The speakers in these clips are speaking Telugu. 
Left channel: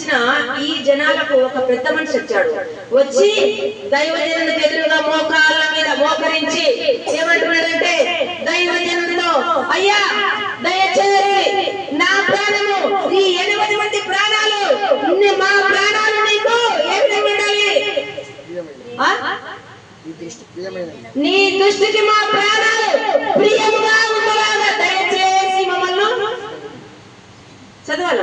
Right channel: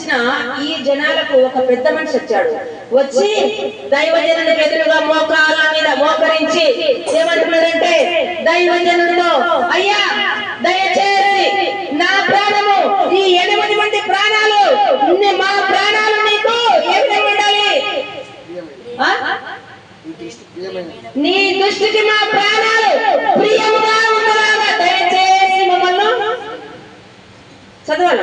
పంపించిన ఈ జనాలకు ఒక పెద్ద మనిషి వచ్చాడు. వచ్చి దైవజనులకు ఎదురుగా మోకాళ్ళ మీద మోకరించి ఏమంటున్నాడంటే దైవజనుడితో, అయ్యా దయచేసి నా ప్రాణము, ఈ 8 మంది ప్రాణాలు, మా ప్రాణాలు నీకు ఏ విధంగా ఉండాలి? నీ దృష్టికి మా ప్రాణాలు ప్రియముగా ఉండలాగా దయచేసి మమ్మల్ని చదవాలి.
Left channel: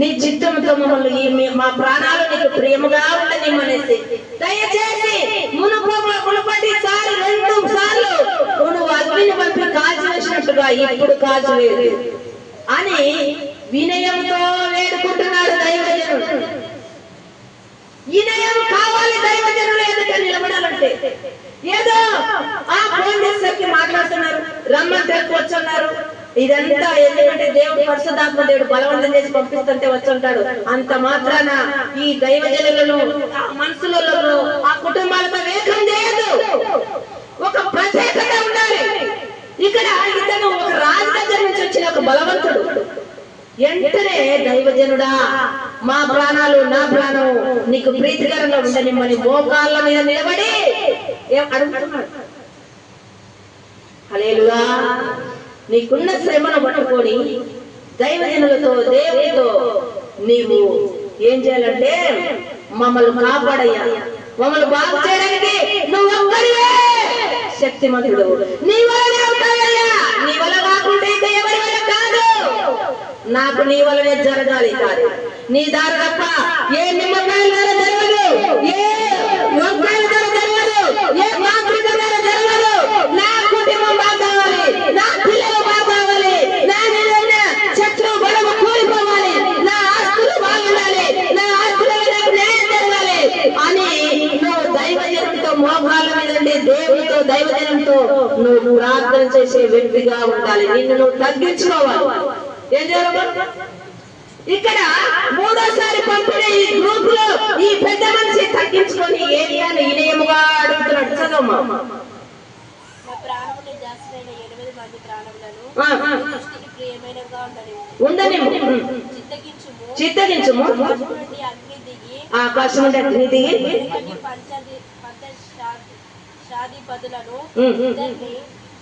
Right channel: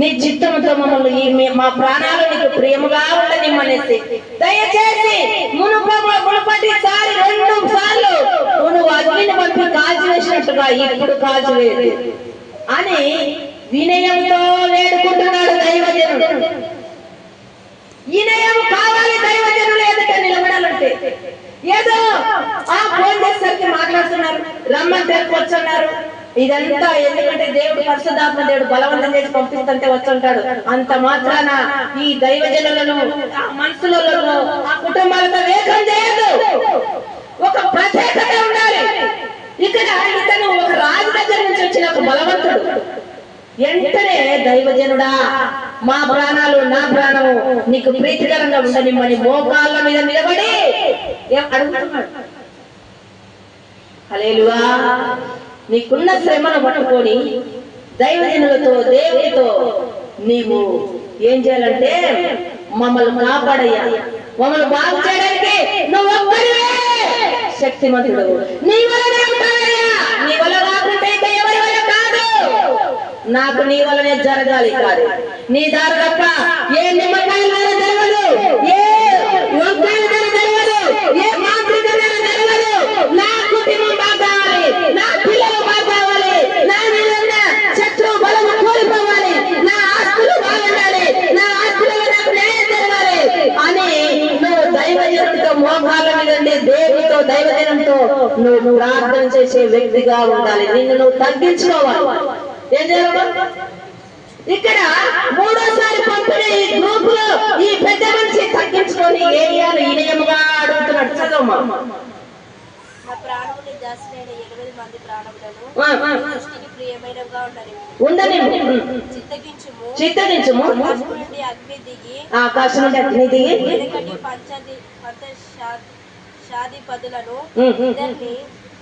నీ చిత్తముతో మమ్మల్ని మా ప్రాణాలు నీకు ప్రియముగా ఉండనిమ్మనేసి దయచేసి మునుపటి సారి 2 సార్లు నువ్వు అగ్నిని పంపి కాల్చివేసినట్టుగా ఇప్పుడు కాల్చలేదు అని వినయంతో వేడుకుంటున్నాడు దైవజనుడు. వినయం కావాలి దైవజనులు ఎదుట నిలబడాలంటే. ఏదో ఫోన్ చేసరికి మాట్లాడుతున్నారు, రమ్మంటే వచ్చున్నారు. ఇదంతా ఎందుకంటే దేవుడు పరిశుద్ధాత్మ దేవుడు బలవంతం చేసి పంపిస్తుంటే వచ్చుంటాడు. అంత మాత్రాన ఈ దైవజనులను మనసులలో ఆ కుటుంబాలతో ఏకం చేయదు. ఒక ప్రత్యేకత ఉండాలి. ఇక్కడ ఇతను ఒక రాజు దగ్గర నుంచి వచ్చిన ఒక బలవంతుడు. వెంటనే దైవజనుడా, మా ప్రాణాలు నా ప్రాణము నీకు ప్రీతికరంగా ఉండనిమ్మని మోకాళ్ళ మీద నిలబడి అడుగుతున్నాడు. హల్లెలూయా. నీకున్న శ్రమను పట్టుకొని దైవజనులతో దేవుడితో నీవు ఏం చేయాలంటే, మమ్మల్ని కాపాడయ్యా, మమ్మల్ని బాగు చేయడానికి నువ్వు ఒక్కడివే శక్తిమంతుడు, నీ వలనే ఉంటావయ్యా, నీ వల్ల కాకుంటే ఇంకా ఎవరి వల్ల కాదు, నాకు నీ వల్లనే జరగాలి, కాదు నీ దారి తప్ప ఏ నిమ్మకాయల ద్వారా జరగదు, ఏ వంకాయల ద్వారా జరగదు, ఏ మాతృక ద్వారా జరగదు. నా కుటుంబం బాగా కావాలి, నా పిల్లలు బాగా కావాలి, నా మీద ఉన్న శత్రు బలము కూలిపోవాలి, నా ఆస్తులు బాగుండాలి, నా ఆస్తులలో నాకు న్యాయం జరగాలి అని నువ్వు దైవజనుడితో మోకాళ్ళ మీద ఉండి దేవుడితో దైవజనంతో నువ్వు ప్రార్థన చేసే వ్యక్తిగా ఉండాలి. నిన్ను నువ్వు తగ్గించుకోవాలి. ఏం చేయాలి? ఇక్కడ 3వసారి పంపిన ఈ గ్రూప్ లో ఈ పెద్ద మనిషి తగ్గించుకొని ఏరియాను వినయముగా అడుగుతున్నాడు. చదవమ్మా. ఉండని చిత్తగించుము, ఆకాశం నుండి అగ్ని దిగి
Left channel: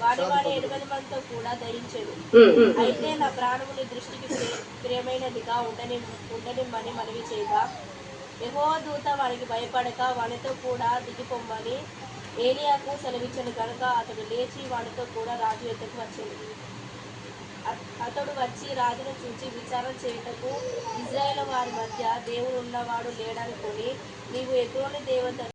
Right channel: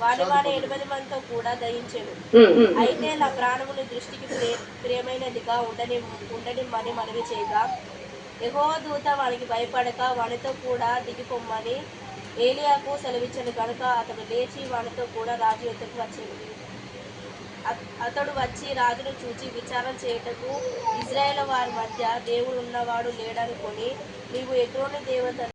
వాడి 8 మందితో కూడా దయించెను. అయితే నా ప్రాణముని దృష్టికి ప్రియమైనదిగా ఉండనిమ్మని మనవి చేయగా, యెహోవా దూత వానికి భయపడక వానితో కూడా దిగిపోమ్మని ఏలియాకు సెలవిచ్చాను కనుక అతడు లేచి వానితో కూడా రాజు ఎద్దకు వచ్చాడు. అతడు వచ్చి రాజును చూచి విచారణ చేయుటకు ఇశ్రాయేలు వారి మధ్య దేవుడు ఉన్నవాడు లేడనుకొని, నీవు ఎగ్రోని దేవత